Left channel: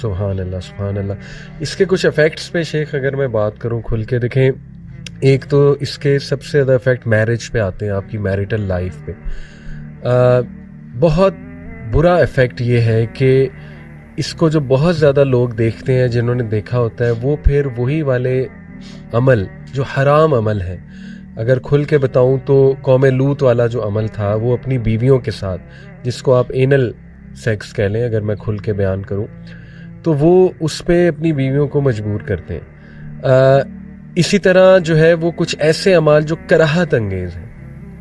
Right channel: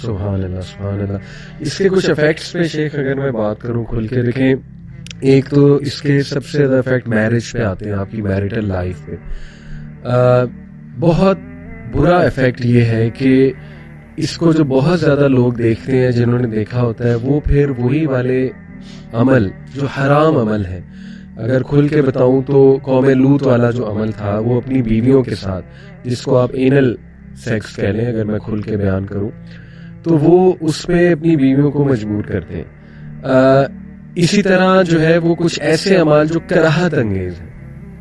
سبحان اللہ سبحان اللہ. اس کے کچھ افیکٹس پہ شیخ اگر میں بات کروں کھل کے، دیکھیں ایک تو اس کے سب سے زیادہ افیکٹ میرج پہ آتے ہیں، آپ کی میریٹل لائف پہ. بہت برا افیکٹ یہ ہے کہ اس کو جو بہت زیادہ لوگ دیکھتے ہیں، جنہوں نے دیکھا ہوتا ہے، وہ پھر وہی والے عمل جو حرام عمل ہے، اگر کھل کے بتاؤں تو قوم لوط والا جو عمل تھا وہ اپنی بیویوں کے ساتھ، جس کو آپ اینل سیکس کہہ لیں اگر میں کھل کے بیان کروں، تو وہ اس پہ اپنی بیویوں کو مجبور کرتے ہیں. اسی طرح جو ہے وہ کچھ ایسے اعمال جو کراہت انگیز ہیں،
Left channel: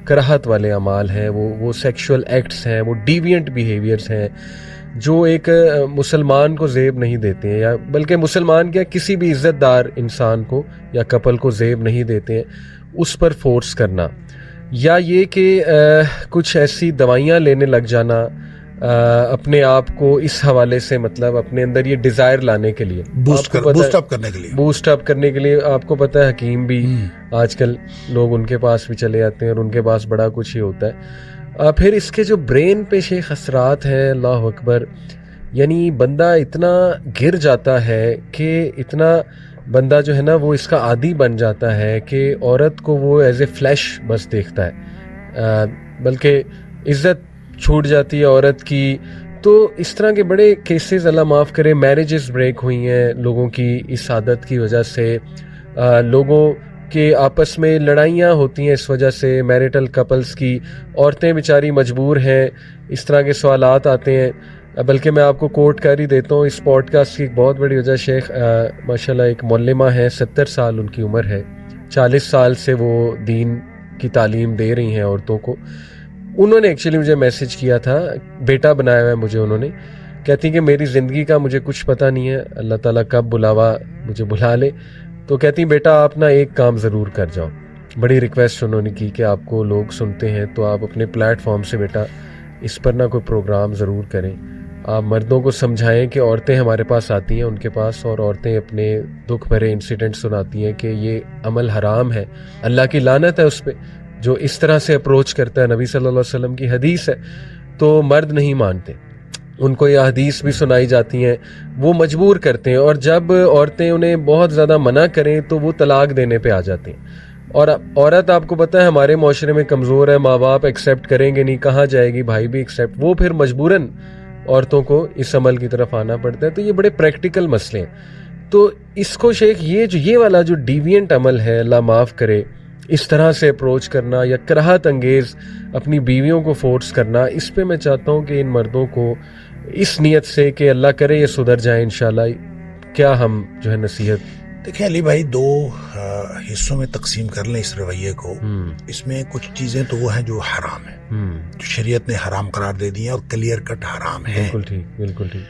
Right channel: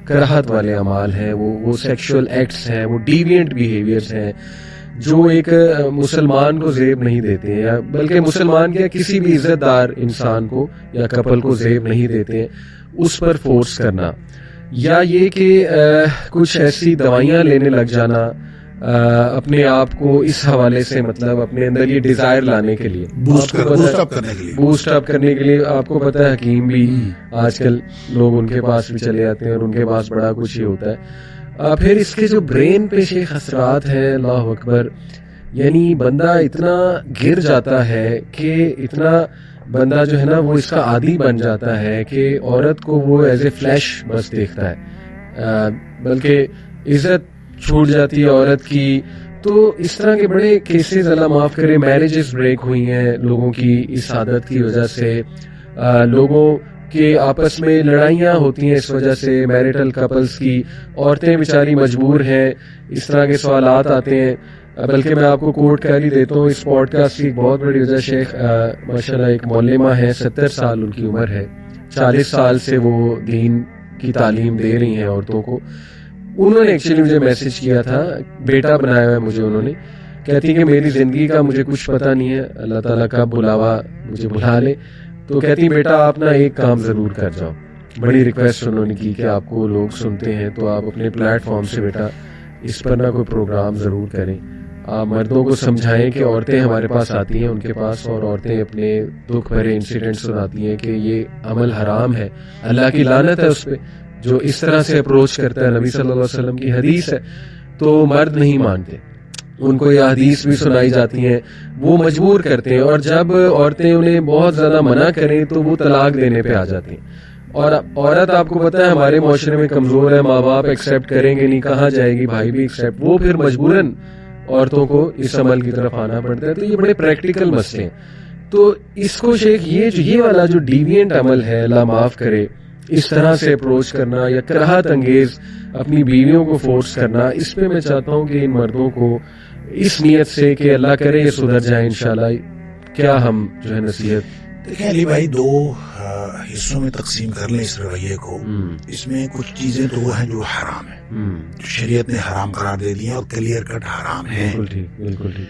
کراہت والے اعمال ہیں، وہ سیکشول ایکٹس ہیں، وہ ڈیوینٹ بیہیویئرس ہیں جو ایک مسلمان کو زیب نہیں دیتے ہیں، یا بلکہ مسلمان کے کسی بھی عزت دار انسان کو یا کپل کو زیب نہیں دیتے ہیں. اس پر فورس کرنا، یا یہ کہ کچھ ایسی دوائیاں لینے لگ جانا اپنے آپ کو اس حوالے سے، مطلب اپنے اندر یہ ڈیزائر لانے کے لیے، بوسٹ اپ کرنے کے لیے. آپ کو پتہ ہے حکیم بھی آج کل لوگ ان کے پاس بھی چلے جاتے ہیں اور ان کے پاس بڑا کچھ ہی ہوتا ہے. پھر اس کے جو برین پہ شیخ اثرات ہیں، اللہ اکبر، یعنی بندہ اتنا گر جاتا ہے کہ اتنا بندہ جو ہے نا وہ اس کا عادی بن جاتا ہے کہ عورت کو وہ ایز اے فلیش بس دیکھتا ہے، بلکہ عزت چھوٹ جاتی ہے عورت کی. تو اس طرح کے بڑے کیسز اللہ معاف کرے، میرجز بریک ہوئی ہیں لوگوں کی اس عادت کی وجہ سے. لوگوں کے آپس میں لڑائیاں ہوتی ہیں اس وجہ سے، میریٹل کپلز کی. عورتیں بیچاری مجبور ہیں، اس طرح کے سوالات آتے ہیں. بلکہ میں آپ کو کوٹ کر ہی دیتا ہوں، اس پوڈ کاسٹ کی بہت بڑی وجہ شیخ ماشاءاللہ ایک معلمہ ہے، 70 سال ان کی عمر ہے، 40 سال سے وہ دین کی تعلیم دے رہی ہیں عورتوں کو. انہوں نے ایکچولی مجھے میسج کیا تھا، بیٹا بنایا ہوا ہے مجھے انہوں نے. کہتی کہ میری زندگی کا مجھے کچھ پتہ نہیں ہے، اللہ تعالیٰ کا بلاوا مجھے بلا لے. تو کہتی بیٹا آپ نا ایک کام ضرور کر جاؤ. بڑی ریکویسٹ انہوں نے کی کہ آپ کو لوگ سنتے ہیں تو آپ اپنے پلیٹ فارم سے بیٹا اس پر نہ کوئی پروگرام ضرور کریں. آپ مردوں کو سمجھائیں کہ عورتیں ہمارے پاس آتی ہیں ان کے پاس، اور عورتیں اپنے دکھ بھرے انسیڈنٹ سناتی ہیں کہ یہ عمل حرام ہے، اللہ کی لعنت ہے اس پہ جو اس طرح سے اپروچ کرتا ہے. نبی صلی اللہ علیہ وسلم کی حدیث ہے. تو مرد نہیں مانتے، ان کو یہ حدیث بھی سنائی جاتی ہیں، وہ مجبور کرتے ہیں. اور جب عورتیں انہیں بہت زیادہ منع کریں تو وہ طلاق دینے پہ آ جاتی ہیں. اور عورت آپ کو پتہ ہے ہمارے معاشرے میں کمزور ہے، ماں باپ ایکسیپٹ کریں گے نہیں، کہاں جائے گی، بھائی بھی ایکسیپٹ، وہ پھر مجبوراً عورتوں کو اس عمل کی طرف آنا پڑتا ہے. تو یہ بڑے پریکٹیکل مسئلے ہیں. تو اس کو شیخ یہ والا جو ڈیوینٹ عمل ہے، اللہ معاف کرے، اس طرح سے اپروچ کرنا یا کراہت انگیز اپنی بیویوں کو فورس کرنا، اس پہ میں چاہتا ہوں کہ ان مردوں کو اس نیت سے کہ اللہ کرے یہ سدھر جائیں انشاءاللہ، کیا ہم جو ہے نصیحت. دیکھیں علی بھائی، دو حصوں میں تقسیم کر لیں اس رویے کو. اس میں کچھ چیزیں تو وہ ہیں جو حرام ہیں، جو شریعت نے حرام قرار دے دی ہیں اور کلیئر کٹ حرام ہے. بالکل ٹھیک.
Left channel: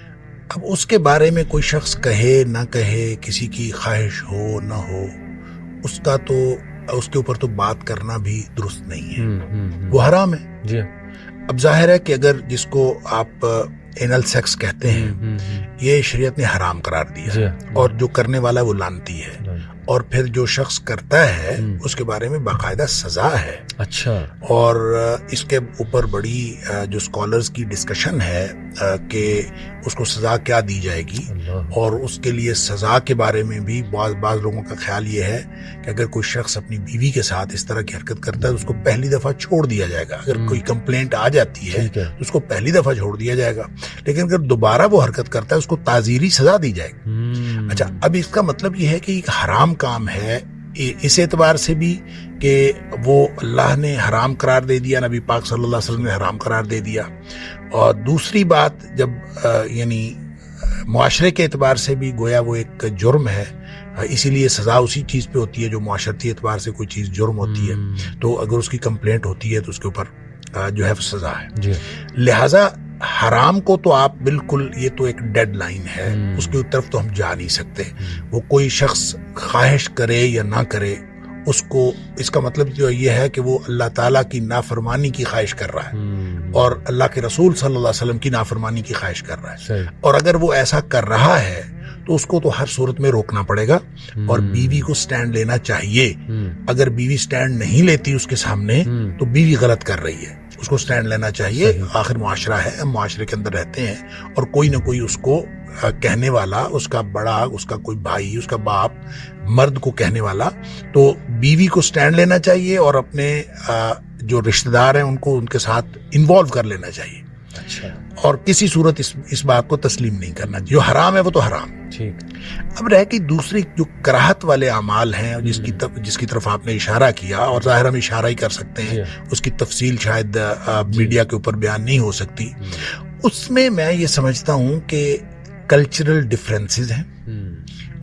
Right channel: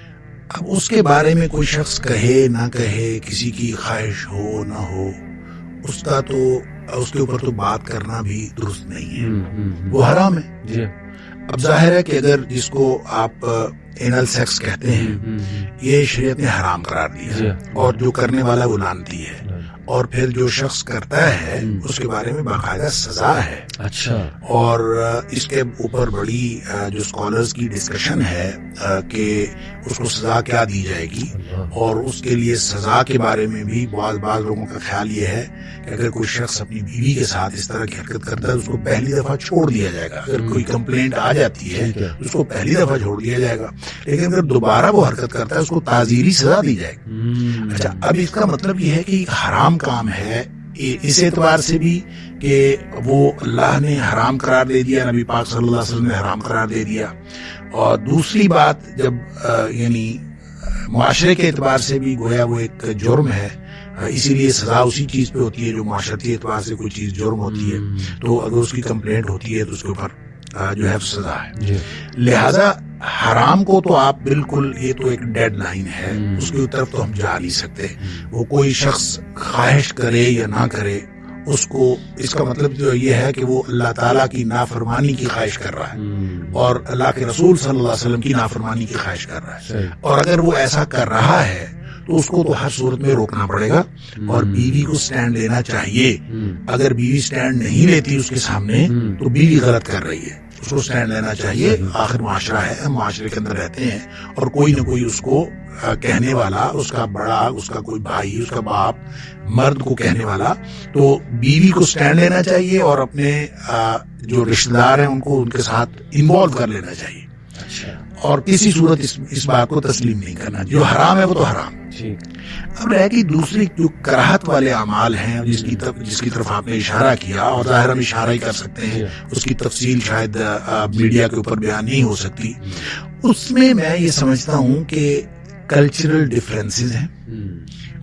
اب اس کے بارے میں کوئی شخص کہے نہ کہے، کسی کی خواہش ہو نہ ہو، اس کا تو اس کے اوپر تو بات کرنا بھی درست نہیں ہے، وہ حرام ہے. اب ظاہر ہے کہ اگر جس کو آپ اینل سیکس کہتے ہیں، یہ شریعت نے حرام قرار دیا ہے، اور جو کرنے والا وہ لعنتی ہے، اور پھر جو شخص کرتا ہے اس کے بارے میں باقاعدہ سزا ہے. اچھا. اور اس کے اوپر بڑی جو اسکالرز کی ڈسکشن ہے کہ اس کو سزا کیا دی جائے گی، اور اس کے لیے سزا کے بارے میں بھی بعض لوگوں کا خیال یہ ہے کہ اگر کوئی شخص اپنی بیوی کے ساتھ اس طرح کی حرکت کرتا ہے اس کو پہلی دفعہ چھوڑ دیا جائے گا. اگر کوئی کمپلینٹ آ جاتی ہے اس کو پہلی دفعہ چھوڑ دیا جائے گا، لیکن اگر دوبارہ وہ حرکت کرتا ہے اس کو تعزیری سزا دی جائے گی. اچھا، اب اس کا مطلب یہ ہے کہ ایک حرام کام ہے اس اعتبار سے بھی کہ وہ اللہ نے حرام قرار دے دیا، نبی پاک صلی اللہ علیہ وسلم نے حرام قرار دے دیا. اور دوسری بات، جب یعنی معاشرے کے اعتبار سے بھی گویا وہ ایک جرم ہے، اسی لیے سزا اسی چیز پہ ہوتی ہے جو معاشرتی اعتبار سے کوئی چیز جرم ہوتی ہے. تو اگر اس کی کمپلینٹ ہوتی ہے تو اس کے اوپر جو ہے سزا ہے. لہذا حرام کو تو آپ بالکل، یہ تو ایک ڈیڈ لائن ہے، اس کی طرف تو ہم جا نہیں سکتے. وہ کوئی شخص خواہش کرے یا نہ کرے، اس کو، اس کا مطلب جو یہ ہے کہ وہ اللہ تعالیٰ کی نافرمانی کی خواہش کر رہا ہے اور اللہ کے رسول صلی اللہ علیہ وسلم کی نافرمانی کی خواہش کر رہا ہے. اور اگر وہ ایسا کر رہا ہے تو اس کو تو ہر صورت میں روکنا پڑے گا، اور بیوی کو سٹینڈ لینا چاہیے. اگر بیوی سٹینڈ نہیں لیتی اس کے سامنے تو بیوی غلط کر رہی ہے، اس کو سٹینڈ لینا چاہیے. آخر معاشرہ ہے، ہم معاشرے کے اندر رہتے ہیں، اور کوئی نہ کوئی اس کو کہنے والا، اس کا بڑا، اس کا کوئی بھائی، اس کا باپ مرد کو کہنے والا، تو بیوی کو سٹینڈ لینا چاہیے اور اپنے جو رشتہ دار ہیں ان کو ان کے ساتھ انوالو کر لینا چاہیے، اور کسی صورت اس بات کو تسلیم نہیں کرنا. جو حرام ہے وہ تو حرام. اب رہ گئی دوسری جو کراہت والے اعمال ہیں جس کی طرف آپ نے اشارہ کیا، اور ظاہر ہم اشارہ ہی کر سکتے ہیں، اس کی تفصیل شاید میڈیا کے اوپر بیان نہیں ہو سکتی. اس میں یہ سمجھتا ہوں کہ کلچرل ڈفرینسز ہیں،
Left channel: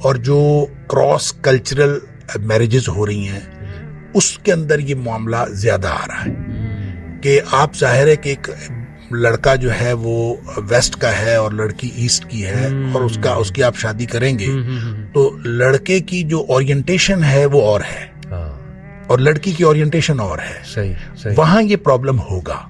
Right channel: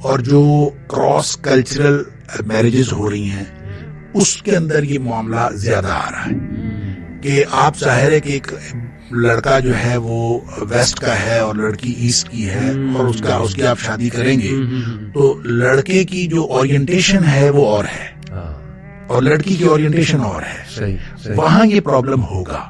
اور جو کراس کلچرل میرجز ہو رہی ہیں اس کے اندر یہ معاملہ زیادہ آ رہا ہے کہ آپ ظاہر ہے کہ ایک لڑکا جو ہے وہ ویسٹ کا ہے اور لڑکی ایسٹ کی ہے، اور اس کی آپ شادی کریں گے تو لڑکے کی جو اورینٹیشن ہے وہ اور ہے اور لڑکی کی اورینٹیشن اور ہے. وہاں یہ پرابلم ہوگا.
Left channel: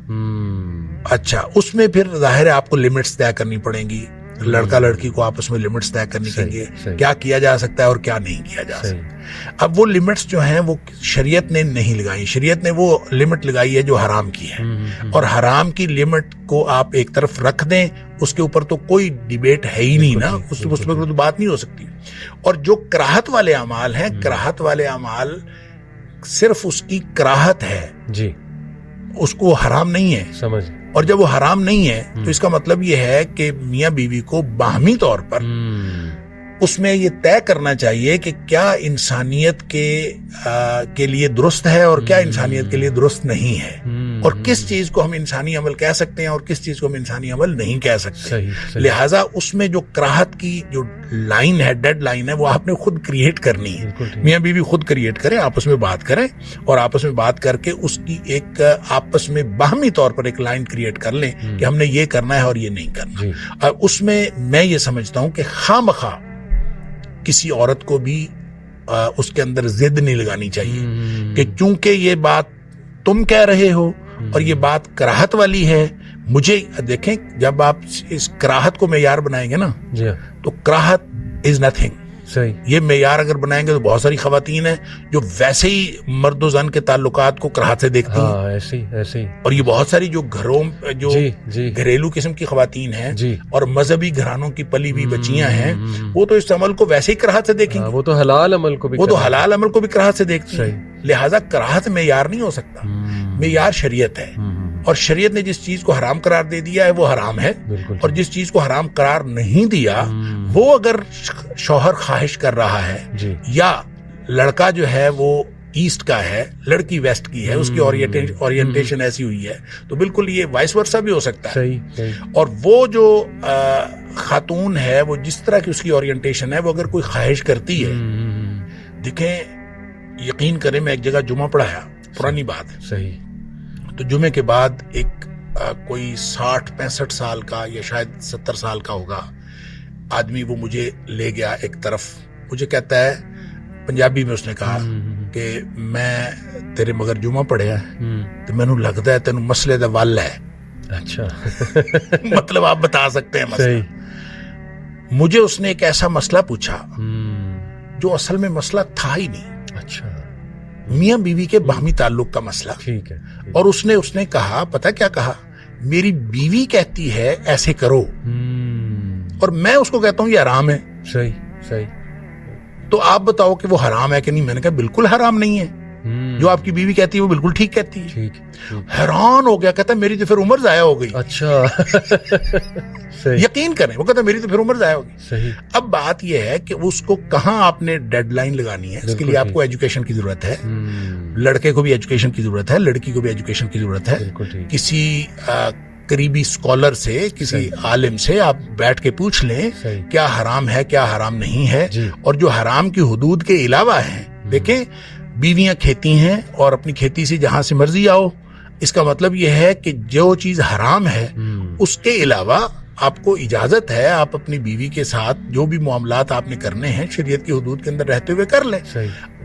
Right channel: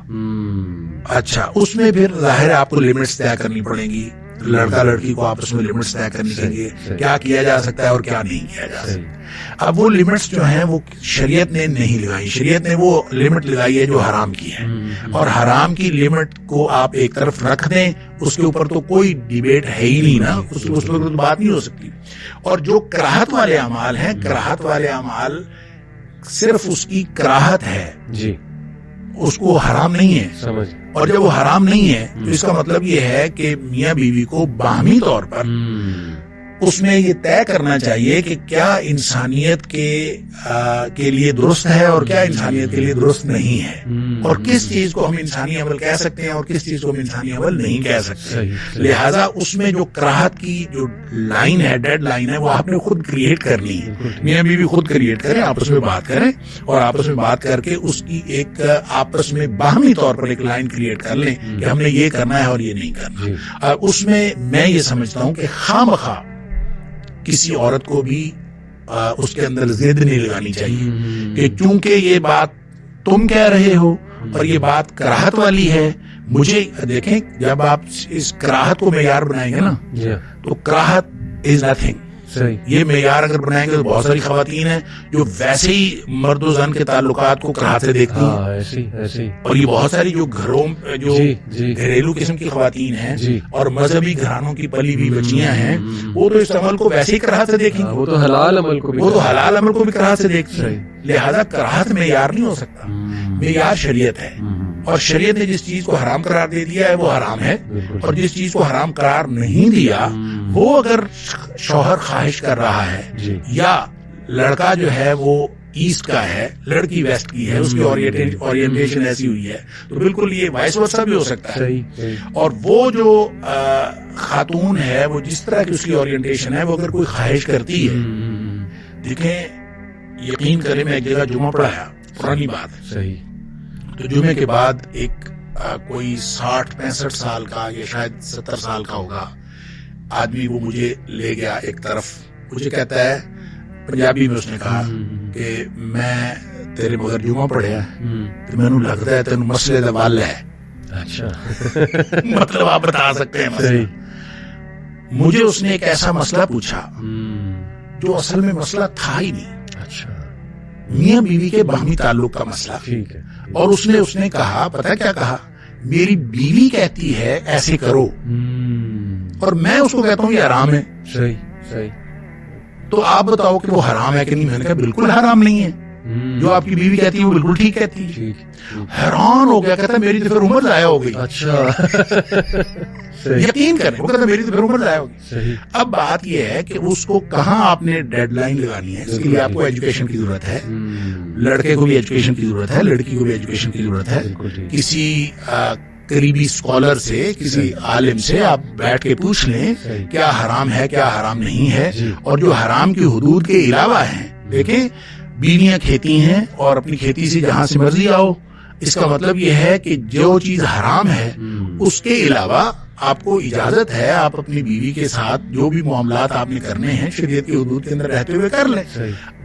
اچھا، اس میں پھر ظاہر ہے آپ کو لمٹس طے کرنی پڑیں گی. لڑکا لڑکی کو آپس میں لمٹس طے کرنی چاہیے، کیا کیا جا سکتا ہے اور کیا نہیں کیا جا سکتا. اب وہ لمٹس جو ہیں وہ شریعت نے نہیں لگائی. شریعت نے وہ لمٹ لگائی ہے جو حرام کی ہے، اور حرام کی لمٹ کو آپ ایک طرف رکھ دیں، اس کے اوپر تو کوئی ڈیبیٹ ہے ہی نہیں نا، اس پر کوئی بات نہیں ہو سکتی. اور جو کراہت والے اعمال ہیں، کراہت والے اعمال صرف اس کی کراہت ہے جی، اس کو حرام نہیں ہے. اور جب وہ حرام نہیں ہے تو اس کا مطلب یہ ہے کہ میاں بیوی کو باہمی طور پر اس میں یہ طے کرنا چاہیے کہ کیا انسانیت کے لیے درست ہے اور کیا انسانیت کے لیے درست نہیں ہے، اور کس چیز کو ہم انسانی عمل کہہ سکتے ہیں اور کس چیز کو ہم انسانی عمل نہیں کہہ سکتے. لہٰذا اس میں جو کراہت کی جو لائن ہے، ڈیڈ لائن ہے، وہ آپ نے خود کریٹ کرنی ہے. میاں بیوی خود کریٹ کریں، آپس میں بات کریں، اور آپس میں بات کر کے اس کی ایک آپس میں باہمی طور پر ایک لائن کریٹ کر لیں کہ ہم نے یہ کرنا ہے اور یہ نہیں کرنا. اور اس میں یہ سمجھتا ہوں کہ خواہ کسی عورت کو بھی اس کے اندر ضد نہیں لگانی چاہیے کہ چونکہ یہ بات تم کہہ رہے ہو اور یہ بات کراہت والی ہے. مجھے دیکھیں، جب آپ اس کراہت کو معیار بنائیں گے نا تو کراہت از نتھنگ. یہ معیار اگر بنائیں گے تو بہت ساری خواتین ہیں جو ویسے ہی مرد و زن کے تعلقات کو کراہت سے دیکھتی ہیں، اور یہ بہت ساری جو گھروں جو گھریلو قسم کی خواتین ہیں اور مذہبی گھرانوں کی پلی ہوئی بچیاں ہیں، وہ تو اس عمل کو ویسے ہی کراہت سے دیکھیں گی. وہ تو حلال عمل کو بھی کراہت سے دیکھتی ہیں. لہذا کراہت معیار نہیں ہو سکتا، معیار شریعت ہے، اور شریعت نے جس چیز کو حرام قرار دے دیا ہے وہ حرام ہے، اور جس چیز کو حرام قرار نہیں دیا وہ اگر شوہر خواہش کر رہا ہے یا لڑکا جو ہے وہ ایسٹ کا ہے، لڑکی ویسٹ کی ہے، اس کی اورینٹیشن ایسی ہوئی ہے، تو بالکل یہ وائس ورسا بھی ہو سکتا ہے. اور وہ جو خاتون ہے وہ جس طرح کی اس کی اورینٹیشن ہے، وہ اگر کوئی خواہش کرتی ہے، دیکھیں یقین کریں، میں ایک جگہ جمعہ پڑھایا، پرانی بات ہے، تو جمعے کے بعد ایک کوئی 60-65 سال کا یا شاید 70 سال کا ہوگا آدمی، وہ مجھے لے گیا ایک طرف، مجھے کہتا ہے پنجابی میں، اس نے کہا کہ میں تیرے مگر جمعہ پڑھیا تو میں نے لگتا ہے تیرے مسئلے دا وال ہے. اچھا مطلب آپ بتا سکتے ہیں مسئلہ. مجھے اس نے ایک ایسا مسئلہ پوچھا جو اصل میں مسئلہ تھا ہی نہیں. اچھا، میاں بیوی کے باہمی تعلق کا مسئلہ. اور اس نے کہا، پتہ کیا کہا، میری بیوی کہتی ہے ایسے کرو اور میں اس کو کہتا ہوں یہ حرام ہے. صحیح. تو آپ بتاؤ کہ وہ حرام ہے کہ نہیں. میں نے کہا بالکل حرام نہیں ہے، جو آپ کی بیوی کہتی ہے وہ بالکل ٹھیک کہتی ہے. حیران ہو گیا، کہتا ہے میری تو پھر عمر ضائع ہو گئی. اچھا یقین کریں، وہ کہتا ہے میری تو پھر عمر ضائع ہو گئی. اب بات یہ ہے کہ اس کو کہاں آپ نے ڈیڈ لائن لگانی ہے. اس کے لیے آپ کو ایجوکیشن کی ضرورت ہے، لڑکے کو بھی ایجوکیشن کی ضرورت ہے، لڑکی کو بھی ایجوکیشن کی ضرورت ہے. کسی قریبی اسکالر سے، کسی عالم سے آپ بیٹھ کے پوچھ لیں کیا حرام ہے کیا حرام نہیں ہے. اور جو حرام کی حدود کے علاوہ ہیں، دیکھیں بیویاں کھیتی ہیں اور اپنی کھیتی سے جہاں سے مرضی آؤ، اس کا مطلب یہ ہے کہ جو چیز حرام ہے اس کے علاوہ آپ کو اجازت ہے آپ اپنی بیوی کے ساتھ جو بھی معاملات آپ نے کرنے ہیں شریعت کی حدود کے اندر رہتے ہوئے کر لیں.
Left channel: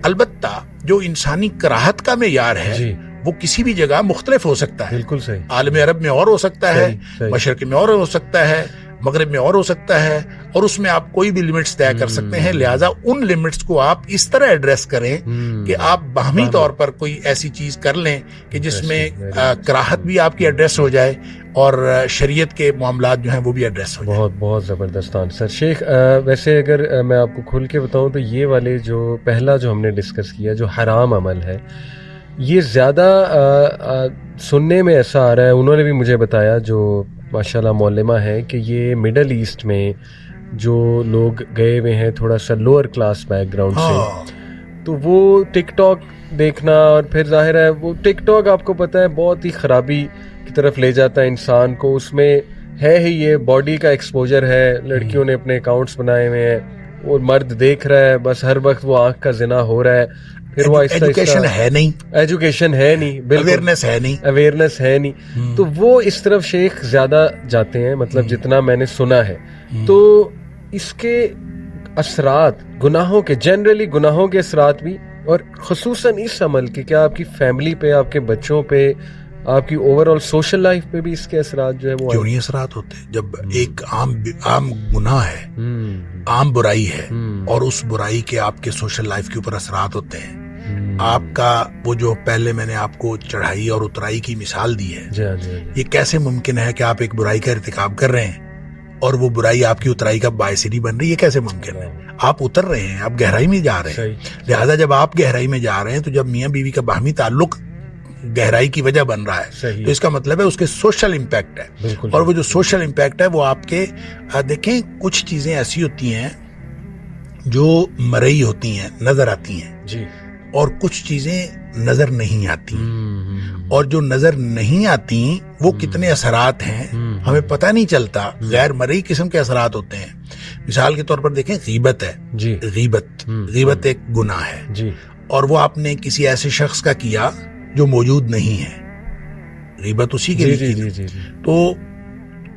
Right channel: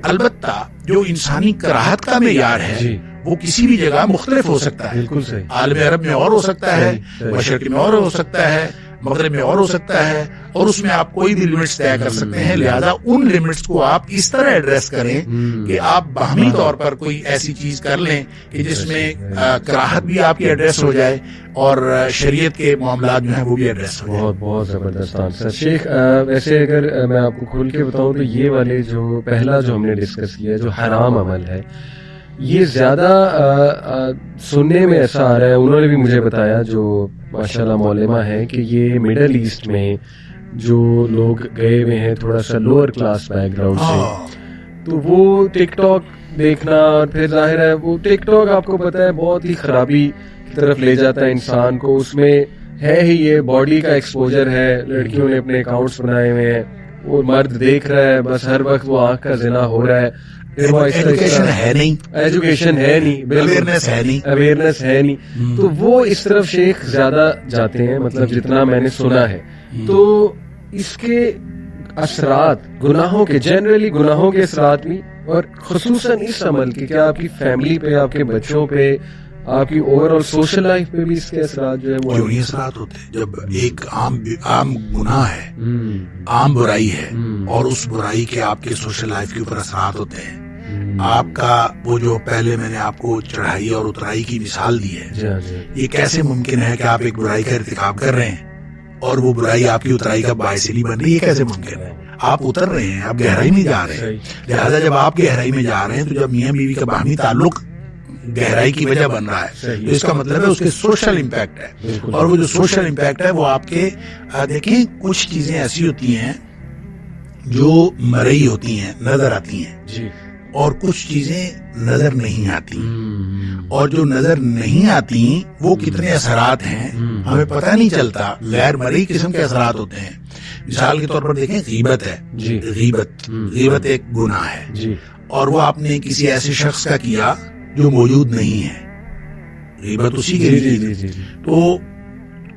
البتہ جو انسانی کراہت کا معیار ہے وہ کسی بھی جگہ مختلف ہو سکتا ہے. عالم عرب میں اور ہو سکتا ہے، مشرق میں اور ہو سکتا ہے، مغرب میں اور ہو سکتا ہے، اور اس میں آپ کوئی بھی لمٹس طے کر سکتے ہیں. لہٰذا ان لمٹس کو آپ اس طرح ایڈریس کریں کہ آپ باہمی طور پر کوئی ایسی چیز کر لیں کہ جس میں کراہت بھی آپ کی ایڈریس ہو جائے اور شریعت کے معاملات جو ہیں وہ بھی ایڈریس ہو جائیں. بہت بہت زبردست آنسر شیخ. ویسے اگر میں آپ کو کھل کے بتاؤں تو یہ والے جو پہلا جو ہم نے ڈسکس کیا جو حرام عمل ہے، یہ زیادہ سننے میں ایسا آ رہا ہے، انہوں نے بھی مجھے بتایا جو ماشاءاللہ معلمہ ہے، کہ یہ مڈل ایسٹ میں جو لوگ گئے ہوئے ہیں تھوڑا سا لوور کلاس بیک گراؤنڈ سے، تو وہ ٹک ٹاک دیکھنا، اور پھر ظاہر ہے وہ ٹک ٹاک آپ کو پتہ ہے بہت ہی خرابی کی طرف لے جاتا ہے انسان کو. اس میں ہے ہی یہ باڈی کا ایکسپوجر ہے، لڑکیوں نے اپنے اکاؤنٹس بنائے ہوئے ہیں اور مرد دیکھ رہا ہے، بس ہر وقت وہ آنکھ کا زنا ہو رہا ہے. پھر وہ ایجوکیشن ہے نہیں، اویئرنیس ہے نہیں، تو وہ اس طرف شیخ زیادہ جاتے ہیں، مطلب جتنا میں نے سنا ہے. تو اس کے اثرات گناہوں کے، جنرلی گناہوں کے اثرات بھی، اور خصوصاً اس عمل کے، کیا آپ کی فیملی پہ، آپ کے بچوں پہ، آپ کی اوور آل سوشل لائف پہ بھی اس کے اثرات جو ہے وہ ضروری اثرات ہوتے ہیں. جب ایک عام گناہ ہے، عام برائی ہے، اور اس برائی کے آپ کے سوشل لائف کے اوپر اثرات ہوتے ہیں. آپ کا وہ جو پہلے میں نے آپ کو چڑھائی اور اترائی کی مثال دی ہے، یہ کیسے ممکن ہے کہ آپ ایک برائی کا ارتکاب کر رہے ہیں اور وہ برائی آپ کی اترائی کا باعث نہیں بن رہی؟ یہ کیسے ممکن ہے؟ آپ اتر رہے ہیں، آپ گہرائی میں جا رہے ہیں. لہٰذا جب آپ گہرائی میں جا رہے ہیں، تو جب میاں بیوی کا باہمی تعلق گہرائی کی وجہ بن رہا ہے، تو اس کا مطلب ہے اس کے سوشل امپیکٹ ہے. اور وہ جو سوشل امپیکٹ ہے وہ آپ کے، دیکھیں کچھ چیزیں ایسی ہوتی ہیں جو مرئی ہوتی ہیں، نظر آتی ہیں، اور کچھ چیزیں نظر نہیں آتی. اور جو نظر نہیں آتی وہ کتنے اثرات ہیں ہمیں پتہ نہیں چلتا. غیر مرئی قسم کے اثرات ہوتے ہیں. مثال کے طور پر دیکھیں، غیبت ہے، غیبت ایک گناہ ہے، اور وہ آپ نے کسی ایسے شخص کا کیا جو موجود نہیں ہے، غیبت اسی کے لیے. تو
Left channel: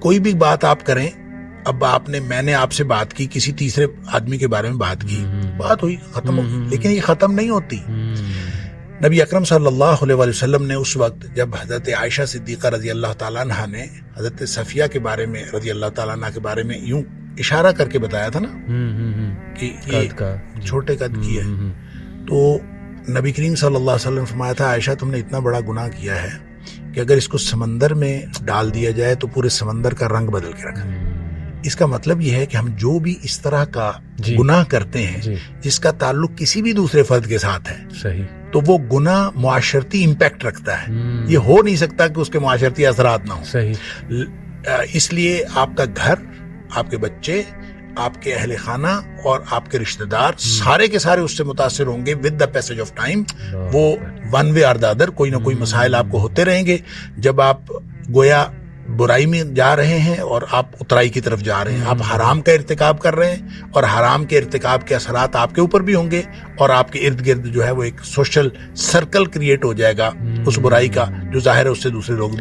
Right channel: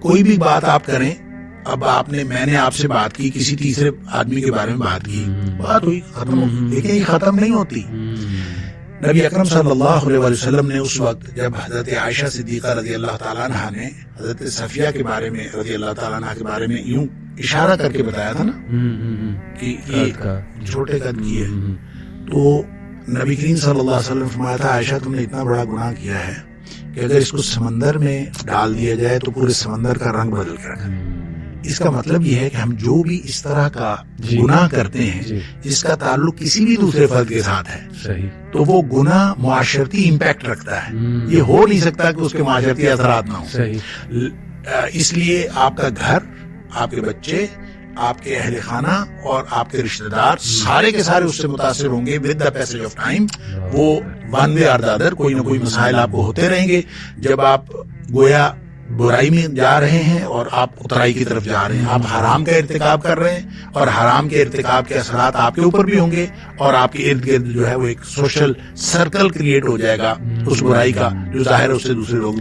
کوئی بھی بات آپ کریں، اب میں نے آپ سے بات کی، کسی تیسرے آدمی کے بارے میں بات کی، بات ہوئی، ختم ہو گئی، لیکن یہ ختم نہیں ہوتی. نبی اکرم صلی اللہ علیہ وسلم نے اس وقت جب حضرت عائشہ صدیقہ رضی اللہ تعالیٰ عنہ نے حضرت صفیہ کے بارے میں رضی اللہ تعالیٰ عنہ کے بارے میں یوں اشارہ کر کے بتایا تھا نا کہ یہ چھوٹے قد کی ہے، تو نبی کریم صلی اللہ علیہ وسلم فرمایا تھا، عائشہ تم نے اتنا بڑا گناہ کیا ہے کہ اگر اس کو سمندر میں ڈال دیا جائے تو پورے سمندر کا رنگ بدل کے رکھے. اس کا مطلب یہ ہے کہ ہم جو بھی اس طرح کا گناہ کرتے ہیں جس کا تعلق کسی بھی دوسرے فرد کے ساتھ ہے، تو وہ گناہ معاشرتی امپیکٹ رکھتا ہے. یہ ہو نہیں سکتا کہ اس کے معاشرتی اثرات نہ ہوں. اس لیے آپ کا گھر، آپ کے بچے، آپ کے اہل خانہ اور آپ کے رشتہ دار سارے کے سارے اس سے متاثر ہوں گے. With the passage of time وہ ون وے اور دا ادر کوئی نہ کوئی مسائل آپ کو ہوتے رہیں گے. جب آپ گویا برائی میں جا رہے ہیں اور آپ اترائی کی طرف جا رہے ہیں، آپ حرام کا ارتکاب کر رہے ہیں، اور حرام کے ارتکاب کے اثرات آپ کے اوپر بھی ہوں گے، اور آپ کے ارد گرد جو ہے وہ ایک سوشل سرکل کریٹ ہو جائے گا اس برائی کا، جو ظاہر اس سے دوسرے لوگ